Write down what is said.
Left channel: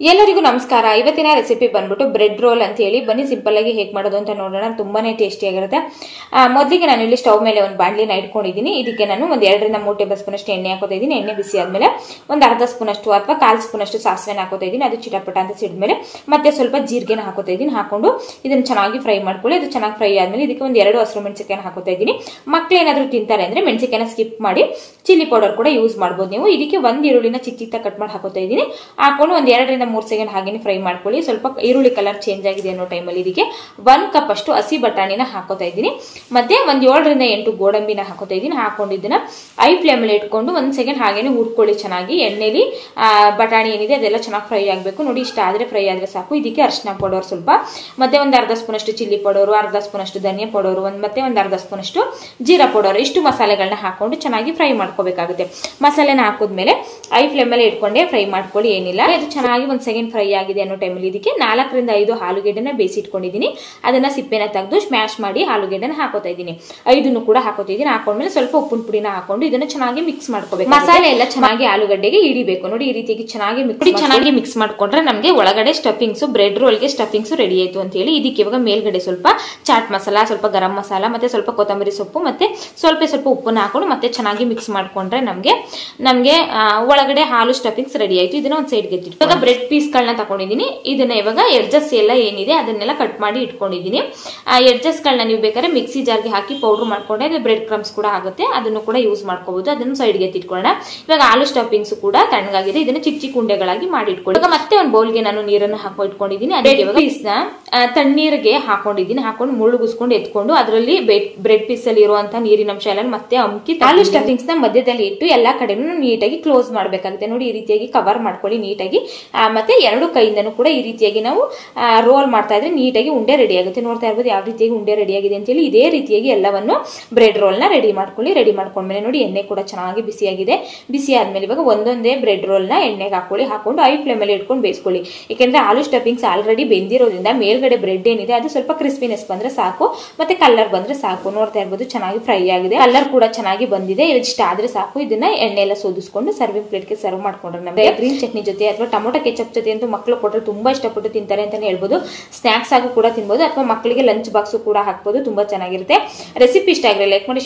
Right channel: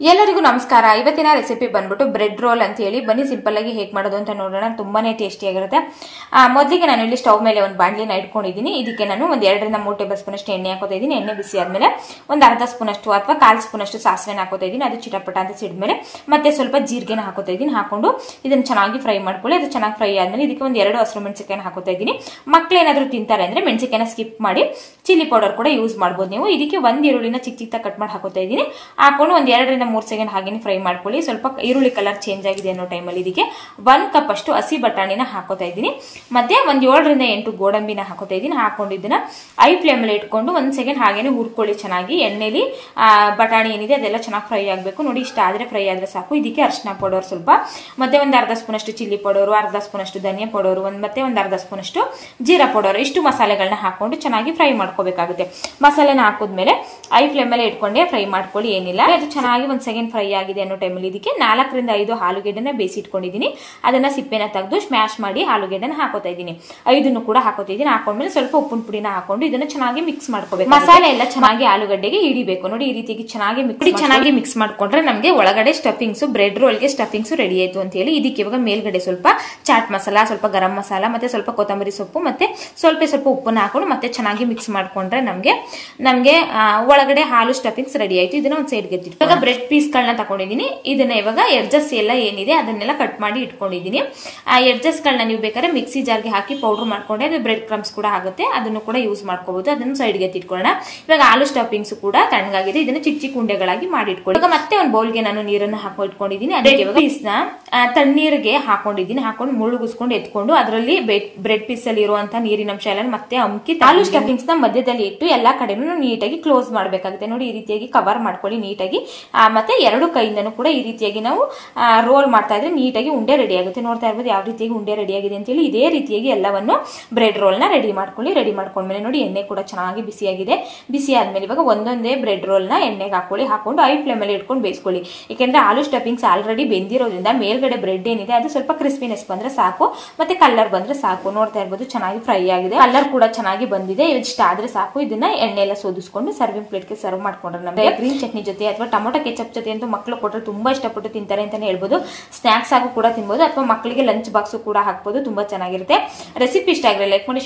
ಎಲ್ಲರಿಗೂ ನಮಸ್ಕಾರ. ಇವತ್ತಿನ ರೆಸಿಪಿ ಬಂದ್ಬಿಟ್ಟು ಬ್ರೆಡ್ ರೋಲ್ ಅಂತ ಹೇಳಿ. ಬನ್ನಿ ಸಿಂಪಲ್ ಆಗಿ ಹೇಗೆ ಮಾಡೋದು ಅಂತ ನೋಡೋಣ. ತುಂಬಾನೇ ಟೇಸ್ಟಿ ಆಗಿರುತ್ತೆ. ಮೊದಲಿಗೆ ನಾನು ಇಲ್ಲಿ ಸ್ಟವ್ ಮೇಲೆ ಒಂದು ಬಾಣಲಿನ ಇಟ್ಕೊಂಡಿದ್ದೀನಿ. ಇದಕ್ಕೆ ನಾನು ಒಂದು 2 ರಿಂದ 3 ಟೇಬಲ್ ಸ್ಪೂನ್ ಅಷ್ಟು ಎಣ್ಣೆ ಹಾಕೋತಾ ಇದ್ದೀನಿ. ಎಣ್ಣೆ ಬಿಸಿ ಆದ್ಮೇಲೆ ಒಂದು ಅರ್ಧ ಸ್ಪೂನ್ ಅಷ್ಟು ಅಥವಾ 1/4 ಸ್ಪೂನ್ ಅಷ್ಟು ಸಾಸಿವೆನ ಹಾಕೋತಾ ಇದ್ದೀನಿ. ಅದು ಚಿಟಪಟ ಅಂತ ಸಿಡಿದ್ಮೇಲೆ ಮತ್ತೆ ಸ್ವಲ್ಪ ಜೀರಿಗೆನ ಹಾಕೋತಾ ಇದ್ದೀನಿ. ಹಾಕೊಂಡು ಇದನ್ನ ಚೆನ್ನಾಗಿ ಫ್ರೈ ಮಾಡ್ಕೊಳ್ಳಿ. ಅದು ಚೆನ್ನಾಗಿ ಫ್ರೈ ಆದ್ಮೇಲೆ ಇದಕ್ಕೆ ಒಂದು 2 ಹಸಿರು ಮೆಣಸಿನಕಾಯಿನ ಹಾಕೋತಾ ಇದ್ದೀನಿ. ಮಕ್ಕಳು ಏನಾದ್ರು ತಿಂತಾರೆ ಅಂದ್ರೆ ಮೆಣಸಿನಕಾಯಿನ ಸ್ಕಿಪ್ ಮಾಡಿ ಚಿಲ್ಲಿ ಪೌಡರ್ ಕೂಡ ಯೂಸ್ ಮಾಡಬಹುದು ನೀವು. ಇದಕ್ಕೆ ಒಂದು ಈರುಳ್ಳಿನ ಚಿಕ್ಕ ಚಿಕ್ಕ ಕಟ್ ಮಾಡಿ ಹಾಕೋತಾ ಇದ್ದೀನಿ. ಹಾಕೊಂಡು ಒಂದು 2 ರಿಂದ 3 ಸೆಕೆಂಡ್ ಹಾಗೆ ಫ್ರೈ ಮಾಡ್ಕೊಳ್ಳಿ. ಸ್ವಲ್ಪ ಈರುಳ್ಳಿ ಕಲರ್ ಚೇಂಜ್ ಆಗಿದೆ ಅನ್ನೋ ಟೈಮಲ್ಲಿ ಇದಕ್ಕೆ 1 ಕಪ್ ಅಷ್ಟು ಹಸಿ ಬಟಾಣಿನ ಹಾಕೋತಾ ಇದ್ದೀನಿ. ಮತ್ತೆ ಒಂದು 7 ರಿಂದ 8 ಗೋಡಂಬಿನ ಹಾಕೋತಾ ಇದ್ದೀನಿ. ಹಾಕೊಂಡು ಇದನ್ನ ಐ ಫ್ಲೇಮ್ ಅಲ್ಲಿ ಇಟ್ಕೊಂಡು 1 ಸೆಕೆಂಡ್ ಹಾಗೇನೆ ಹುರ್ಕೊಳ್ಳಿ. ಚೆನ್ನಾಗಿ ಎಣ್ಣೆಲಿ ಬಟಾಣಿ ಏನಿದೆ ಅದೆಲ್ಲ ಚೆನ್ನಾಗಿ ಫ್ರೈ ಆಗಬೇಕು. ನೋಡಿ, ಇಷ್ಟ ಆದ್ರೆ ಫ್ರೈ ಆದ್ರೆ ಸಾಕು. ಇದಕ್ಕೆ ಅರಿಶಿನ ಪೌಡರ್ ಸ್ವಲ್ಪ, ಮತ್ತೆ ಒಂದು ಅರ್ಧ ಸ್ಪೂನ್ ಅಷ್ಟು ಚಿಲ್ಲಿ ಪೌಡರ್, ಅರ್ಧ ಸ್ಪೂನ್ ಅಷ್ಟು ಧನಿಯಾ ಪೌಡರ್, ಮತ್ತೆ ಒಂದು ಅರ್ಧ ಸ್ಪೂನ್ ಅಷ್ಟು ಜೀರಾ ಪೌಡರ್, ಇಷ್ಟು ಮಸಾಲೆಗಳನ್ನ ಹಾಕೊಂಡು ಚೆನ್ನಾಗಿ ಫ್ರೈ ಮಾಡ್ಕೋಬೇಕಾಗುತ್ತೆ. ಮಸಾಲೆನ ಹಾಕಿದ್ಮೇಲೆ ಐ ಫ್ಲೇಮ್ ಅಲ್ಲಿ ಇಟ್ಕೊಂಡೆ ಫ್ರೈ ಮಾಡ್ಕೊಳ್ಳಿ. ಏನಿಲ್ಲ, ಅದು ಚೆನ್ನಾಗಿ 1 ಸೆಕೆಂಡ್ ಫ್ರೈ ಆಗಿದೆ ಅನ್ನೋ ಟೈಮಲ್ಲಿ ಇದಕ್ಕೆ 4 ರಿಂದ 5 ಆಲೂಗೆಡ್ಡೆನ ಬೇಯಿಸಿ ಇಟ್ಕೊಂಡಿದ್ದೀನಿ. ಅದನ್ನ ಸಿಪ್ಪೆನ ತೆಗೆದು ಸ್ಮ್ಯಾಶ್ ಮಾಡಿ ಆಲೂಗೆಡ್ಡೆನ ಹಾಕೋತಾ ಇದ್ದೀನಿ. 5 ಕೂಡ ಹಾಕೋತಾ ಇದ್ದೀನಿ. ಹಾಕೊಂಡ್ಮೇಲೆ ಸ್ವಲ್ಪ ಉಪ್ಪಿನ ಪುಡಿನ ಹಾಕೊಂಡು ಇದನ್ನ ಚೆನ್ನಾಗಿ ಮಿಕ್ಸ್ ಮಾಡ್ಕೋಬೇಕು. ಮಸಾಲೆ ಎಲ್ಲ ಚೆನ್ನಾಗಿ ಆಲೂಗಡ್ಡೆಗೆ ಹಿಡಿಬೇಕು. ನೋಡಿ, ಈ ರೀತಿಯಾಗಿ ಚೆನ್ನಾಗಿ ಮಿಕ್ಸ್ ಮಾಡ್ಕೊಂಡ್ರೆ ನಮಗೆ ಒಳಗಡೆ ಸ್ಟಫಿಂಗ್ಸ್, ಬ್ರೆಡ್ ರೋಲ್ಗೆ ಸ್ಟಫಿಂಗ್ಸ್ ರೆಡಿ ಆಯ್ತು ಅಂತ ಹೇಳಿ. ಇದಕ್ಕೆ ಇವಾಗ ಮೇಲ್ಗಡೆ ಸ್ವಲ್ಪ ಚಾಟ್ ಮಸಾಲ, ಸ್ವಲ್ಪ ಗರಂ ಮಸಾಲ, ಮತ್ತೆ ಸ್ವಲ್ಪ ಕೊತ್ತಂಬರಿ ಸೊಪ್ಪು, ಮತ್ತೆ ಸ್ವಲ್ಪ ಉಪ್ಪನ್ನ ಹಾಕೊಂಡು ಮತ್ತೆ ಚೆನ್ನಾಗಿ ಮಿಕ್ಸ್ ಮಾಡ್ಕೊಂಡ್ರೆ ನಮ್ಗೆ ಒಳಗಡೆ ಹಾಲು ಸ್ಟಫಿಂಗ್ಸ್ ರೆಡಿ ಆಯ್ತು. ಇದನ್ನ ಒಂದು ಸೈಡ್ಗೆ ಎತ್ತಿಟ್ಟು ಇವಾಗ ಬ್ರೆಡ್ ಪೀಸ್ ಗಳನ್ನ ತಗೊಂಡಿದ್ದೀನಿ. ಇದನ್ನ ಇವಾಗ ಎಡ್ಜಸ್ ಎಲ್ಲ ಏನಿದೆ ಅದನ್ನೆಲ್ಲ ಕಟ್ ಮಾಡಿ ಇಟ್ಕೊಂಡಿದ್ದೀನಿ. ಆ ಎಡ್ಜಸ್ ಗಳನ್ನ ನೀವು ಬೇಕಾದ್ರೆ ಮಿಕ್ಸಿ ಜಾರ್ಗೆ ಹಾಕಿ ಪೌಡರ್ ಮಾಡ್ಕೊಂಡ್ರೆ ಅದು ಬ್ರೆಡ್ ಕ್ರಮ್ಸ್ ಕೂಡ ಆಗುತ್ತೆ. ಅದನ್ನು ಕೂಡ ಯೂಸ್ ಮಾಡ್ಕೋಬಹುದು. ಅದನ್ನು ಸೈಡ್ಗೆ ಎತ್ತಿಟ್ಕೊಳ್ಳೋಣ. ಇವಾಗ ಆಲೂ ಸ್ಟಫಿಂಗ್ಸ್ ಕೂಡ ತಣ್ಣಗಾಗಿದೆ. ಇದನ್ನ ಚಿಕ್ಕ ಚಿಕ್ಕ ಉಂಡೆಗಳಾಗಿ ಮಾಡಿ ಇಟ್ಕೊಳ್ಳಿ. ಇವಾಗ ಮತ್ತೆ ಒಂದು ಬೌಲ್ಗೆ ನಾನು ನೀರನ್ನು ಹಾಕಿ ಇಟ್ಕೊಂಡಿದ್ದೀನಿ. ಅದೇ ಇವಾಗ ಪೀಸ್ನ ತಣ್ಣೀರಿಗೆ ಹಾಕೊಂಡಿದ್ದೀನಿ. ಹಾಕೊಂಡು ಮುಳುಗಿಸ್ಕೊಂಡು ಎತ್ಕೊಂಡು ಅದರಲ್ಲಿ ಬ್ರೆಡ್ ಪೀಸ್ ಅಲ್ಲಿ ಇರುವಂತಹ ನೀರಿನಂಶ ಎಲ್ಲ ಮತ್ತೆ ಅಮ್ಕಿ ಆಲೂ ಸ್ಟಫಿಂಗ್ಸ್ ನ ಮಧ್ಯದಲ್ಲಿ ಇಟ್ಟು ಎಲ್ಲಾ ಕಡೆನೂ ನೀಟಾಗಿ ಕ್ಲೋಸ್ ಮಾಡಬೇಕಾಗುತ್ತೆ. ನೋಡಿ, ಈ ರೀತಿಯಾಗಿ ಕವರ್ ಮಾಡ್ಕೊಳ್ಳಿ ನೀಟಾಗಿ. ಮತ್ತೆ 2 ಕೈಯಿಂದನೂ ಕೂಡ ಈ ರೀತಿಯಾಗಿ ನಾವು ರೋಲ್ ಮಾಡ್ತಾ ಇದ್ರೆ ನೀಟಾಗಿ ಉಂಡೆ ರೆಡಿ ಆಗುತ್ತೆ. ನೋಡ್ತಾ ಇರ್ಬೋದು ಯಾವ ರೀತಿಯಾಗಿ ಉಂಡೆ ರೆಡಿ ಆಗಿದೆ ಅಂತ ಹೇಳಿ. ಇದೇ ರೀತಿಯಾಗಿ ಎಲ್ಲವನ್ನು ಬ್ರೆಡ್ ರೋಲ್ ನ ರೆಡಿ ಮಾಡ್ಕೊಳ್ಳಿ. ರೆಡಿ ಮಾಡ್ಕೊಂಡ್ಮೇಲೆ ನೋಡಿ, ಎಣ್ಣೆ ಕೂಡ ಚೆನ್ನಾಗಿ ಬಿಸಿಯಾಗಿದೆ. ಬಿಸಿ ಆದ್ಮೇಲೆ ಇವಾಗ ಒಂದೊಂದೇ ಬ್ರೆಡ್ ರೋಲ್ ನ ಎಣ್ಣೆಗೆ ಹಾಕೊಳ್ಳಿ. ಹಾಕೊಂಡು ಐ ಫ್ಲೇಮ್ ಅಲ್ಲಿ ಇಟ್ಕೊಂಡು ಬೇಯಿಸ್ಕೊಳ್ಳಿ. ಯಾಕಂದ್ರೆ ಆಲೂ ಸ್ಟಫಿಂಗ್ಸ್ ಆಲ್ರೆಡಿ ಬೆಂದಿರೋದ್ರಿಂದ ಮೇಲ್ಗಡೆ ಬ್ರೆಡ್ ಏನಿದೆ ಅದು ಸ್ವಲ್ಪ ಕ್ರಿಸ್ಪಿನೆಸ್ ಬಂದ್ರೆ ಸಾಕು, ಮತ್ತೆ ಕಲರ್ ಬಂದ್ರೆ ಸಾಕು. ನೋಡ್ತಾ ಇರ್ಬೋದು ಚೆನ್ನಾಗಿ ಫ್ರೈ ಆಗಿದೆ, ಕಲರ್ ಕೂಡ ಚೆನ್ನಾಗಿ ಬಂದಿದೆ. ಇಷ್ಟ ಆದ್ರೆ ಸಾಕು. ಇದನ್ನ ಎಣ್ಣೆ ಎಲ್ಲ ಸೋದಿಸ್ಕೊಂಡು ಸರ್ವಿಂಗ್ ಪ್ಲೇಟ್ ಗೆ ಸರ್ವ್ ಮಾಡ್ಕೊಂಡ್ರೆ ನಮಗೆ ಗ್ರೀನ್ ಚಟ್ನಿ ಜೊತೆ ಅಥವಾ ಟೊಮೊಟೊ ಕೆಚಪ್ ಜೊತೆ ಅಂತೂ ಮಕ್ಕಳು ಕೊಟ್ಟರೆ ತುಂಬಾ ಇಷ್ಟಪಟ್ಟು ತಿಂತಾರೆ ಅಂತಾನೆ ಹೇಳ್ಬೋದು. ಸ್ನಾಕ್ಸ್ ಆಗು ಕೂಡ ತಿನ್ಬಹುದು, ಅಥವಾ ಮಕ್ಕಳಿಗೆ ಲಂಚ್ ಬಾಕ್ಸ್ ಕೂಡ ಹಾಕ್ಬೋದು. ತುಂಬಾ ಚೆನ್ನಾಗಿರುತ್ತೆ. ರೆಸಿಪಿ ಇಷ್ಟ ಆಗಿದ್ರೆ ಲೈಕ್ ಮಾಡಿ.